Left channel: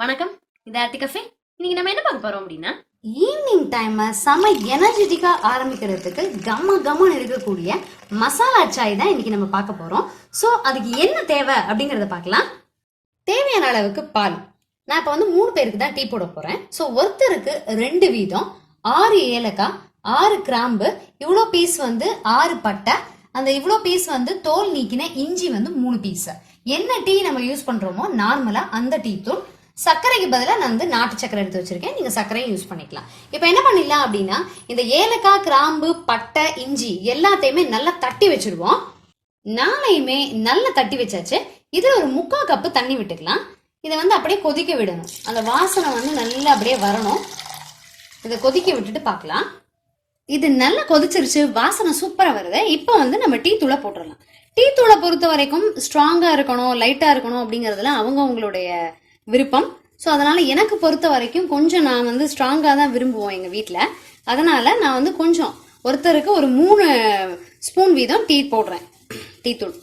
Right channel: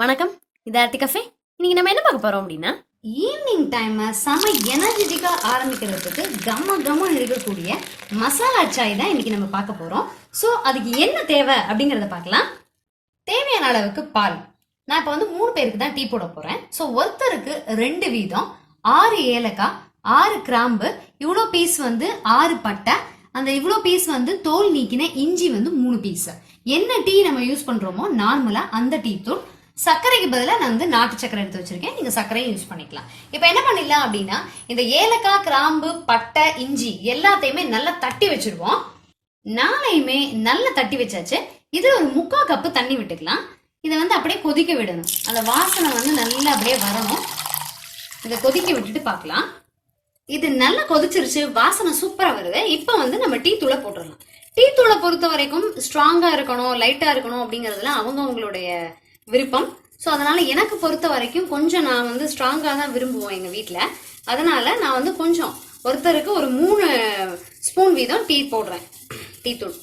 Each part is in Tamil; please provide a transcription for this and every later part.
வணக்கம், இது ஆர்த்தி கஃபே. இன்னைக்கு நம்ம என்ன பார்க்க போறோம் அப்படின்னா, ஈவினிங் டைம் செம எனர்ஜெட்டிக்கா ஆரம்பிக்கிறதுக்கு கம்ம இருக்கக்கூடிய மசாலா சாய் தான் இன்னைக்கு நம்ம பார்க்க போறோம். ஸோ அதுக்கு என்ன தேவை அப்படிங்கறத பார்க்கலாம். தேவையான அளவுக்கு பால். நான் இப்போ வந்து 3 பேருக்கு தான் டீ போட போறேன். ஸோ ஒருத்தருக்கு 2 வீதம், 6 ஏலக்காய், 6 கிராம்பு, இவ்வளோ பீஸ் வந்து 6 பட்டை, அந்த இவ்வளோ பீஸ் வந்து தோல் நீக்கின இஞ்சி வந்து 3 பீஸ். என்ன டீ நம்ம யூஸ் பண்றோமோ நார்மலா அந்த டீ தூள். சர்க்கரைக்கு பதிலாக நான் வந்து நாட்டு சர்க்கரை எடுத்து வச்சிருக்கேன். நீங்க சர்க்கரையும் யூஸ் பண்ணிக்கலாம். இப்போ என்ன பண்ணிடலாம் அப்படின்னா, இந்த ஏலக்காய், கிராம்பு, பட்டை, இஞ்சி எல்லாத்தையுமே நல்லா தட்டி வச்சிருவோம். நாளையுமே நல்லா தட்டி வச்சாச்சு. இதுல ஒரு 3/4 கப்பு தண்ணி விட்டுக்கலாம். இதை வந்து அப்படியே கொதிக்க விடணும். அந்த வாசனை வந்து நல்லா அப்படியே வரணும். இதை கொதிக்க விட்டுட்டு பார்க்கலாம். இது நல்லா கொதிச்சிருச்சு, வாசனை சூப்பரா வருது. இப்போ வந்து நம்ம டீ தூளை போட்டுடலாம். டீ தூளை பொறுத்த வரைக்கும் ஸ்ட்ராங்கா இருக்கணும், லைட்டா இருக்கணும் அப்படிங்கறதுல அவங்களுடைய விருப்பம். ஸோ அதனால எனக்கு பொறுத்த வரைக்கும் கொஞ்சம் நான் வந்து ஸ்ட்ராங்காக தான் விரும்புவோம் எங்கள் வீட்டில். அதனால நான் வந்து கொஞ்சம் ஒருத்தருக்கு ஒரு 3 ஸ்பூன் வீதம் டீ போடுறேன். டீ தூள்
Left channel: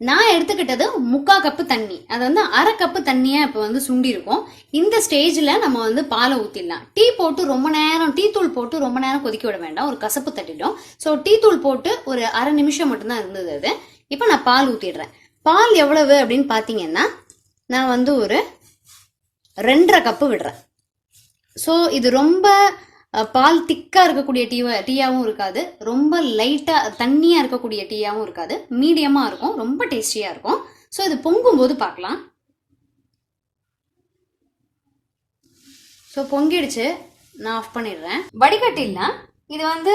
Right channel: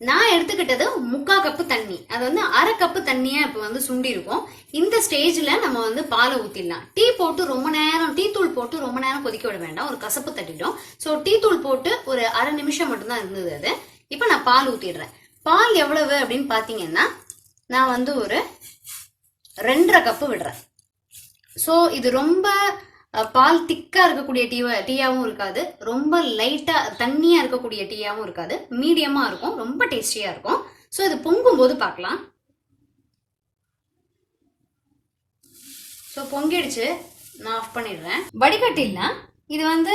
நான் எடுத்துக்கிட்டது 3/4 கப்பு தண்ணி. அது வந்து 1/2 கப்பு தண்ணியை இப்போ வந்து சுண்டி இருக்கும். இந்த ஸ்டேஜில் நம்ம வந்து பாலை ஊற்றிடலாம். டீ போட்டு ரொம்ப நேரம், டீ தூள் போட்டு ரொம்ப நேரம் கொதிக்க விட வேண்டாம், ஒரு கசப்பு தட்டிடும். ஸோ டீ தூள் போட்டு ஒரு 1/2 நிமிஷம் மட்டும்தான் இருந்தது அது. இப்போ நான் பால் ஊற்றிடுறேன். பால் எவ்வளவு அப்படின்னு பார்த்தீங்கன்னா, நான் வந்து ஒரு 2.5 கப்பு விடுறேன். ஸோ இது ரொம்ப பால் திக்கா இருக்கக்கூடிய டீயாவும் இருக்காது, ரொம்ப லைட்டா தண்ணியா இருக்கக்கூடிய டீயாவும் இருக்காது, மீடியமா இருக்கும், ரொம்ப டேஸ்டியா இருக்கும். ஸோ இது பொங்கும் போது பார்க்கலாம். ஸோ பொங்கிடுச்சு, நான் ஆஃப் பண்ணிடுறேன். வடிகட்டினா இது வந்து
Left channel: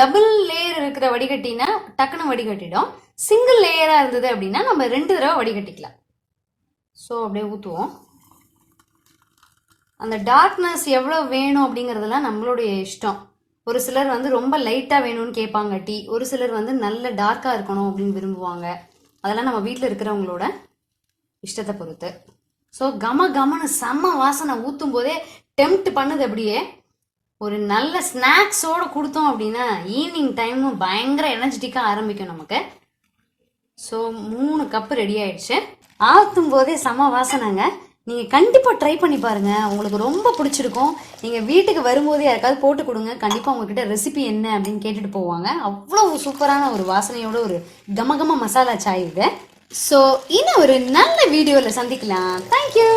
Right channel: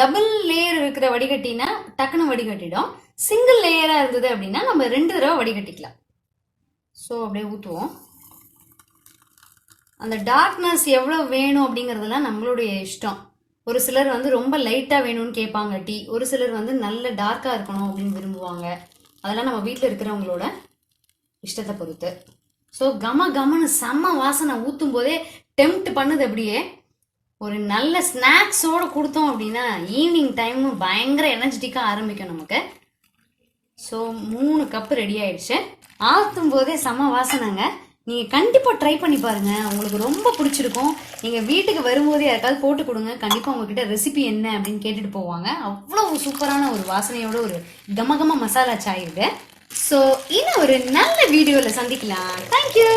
டபுள் லேயர் இருக்கிற வடிகட்டினா டக்குன்னு வடிகட்டிடும். சிங்கிள் லேயரா இருந்தது அப்படின்னா நம்ம 2 தடவை வடிகட்டிக்கலாம். ஸோ அப்படியே ஊற்றுவோம். அந்த டார்க்னஸ் எவ்வளோ வேணும் அப்படிங்கிறதுலாம் நம்மளுடைய இஷ்டம். ஒரு சிலர் வந்து ரொம்ப லைட்டாக வேணும்னு கேட்பாங்க டீ, ஒரு சிலர் வந்து நல்ல டார்க்காக இருக்கணும் அப்படின்னு விரும்புவாங்க. அதெல்லாம் நம்ம வீட்டில் இருக்கிறவங்களோட இஷ்டத்தை பொறுத்து. ஸோ கமன்னு செம்ம வாசனை ஊற்றும் போதே டெம்ப்ட் பண்ணுது. அப்படியே ஒரு நல்ல ஸ்நாக்ஸோடு கொடுத்தோம் அப்படின்னா ஈவினிங் டைமும் பயங்கர எனர்ஜெட்டிக்காக ஆரம்பிக்கும் நமக்கு. ஸோ 3 கப்பு ரெடி ஆயிடுச்சு. ஆற்றும் போதே செம வாசனைங்க. நீங்கள் கண்டிப்பாக ட்ரை பண்ணி பாருங்க, உங்களுக்கு ரொம்ப பிடிச்சிருக்கும். நீங்கள் வீட்டுக்கு வரும்போதே யாருக்காவது போட்டு கொடுங்க, கண்டிப்பாக உங்ககிட்ட ரெசிபி என்ன அப்படின்னு கேட்டுட்டு போவாங்க. அவ்வளோ சூப்பரான ஒரு வாசனையோட ஒரு கம மசாலா சாய் இது. ஸோ இன்னும் ஒரு நல்ல வீடியோவில் சந்திக்கலாம். தேங்க்யூ.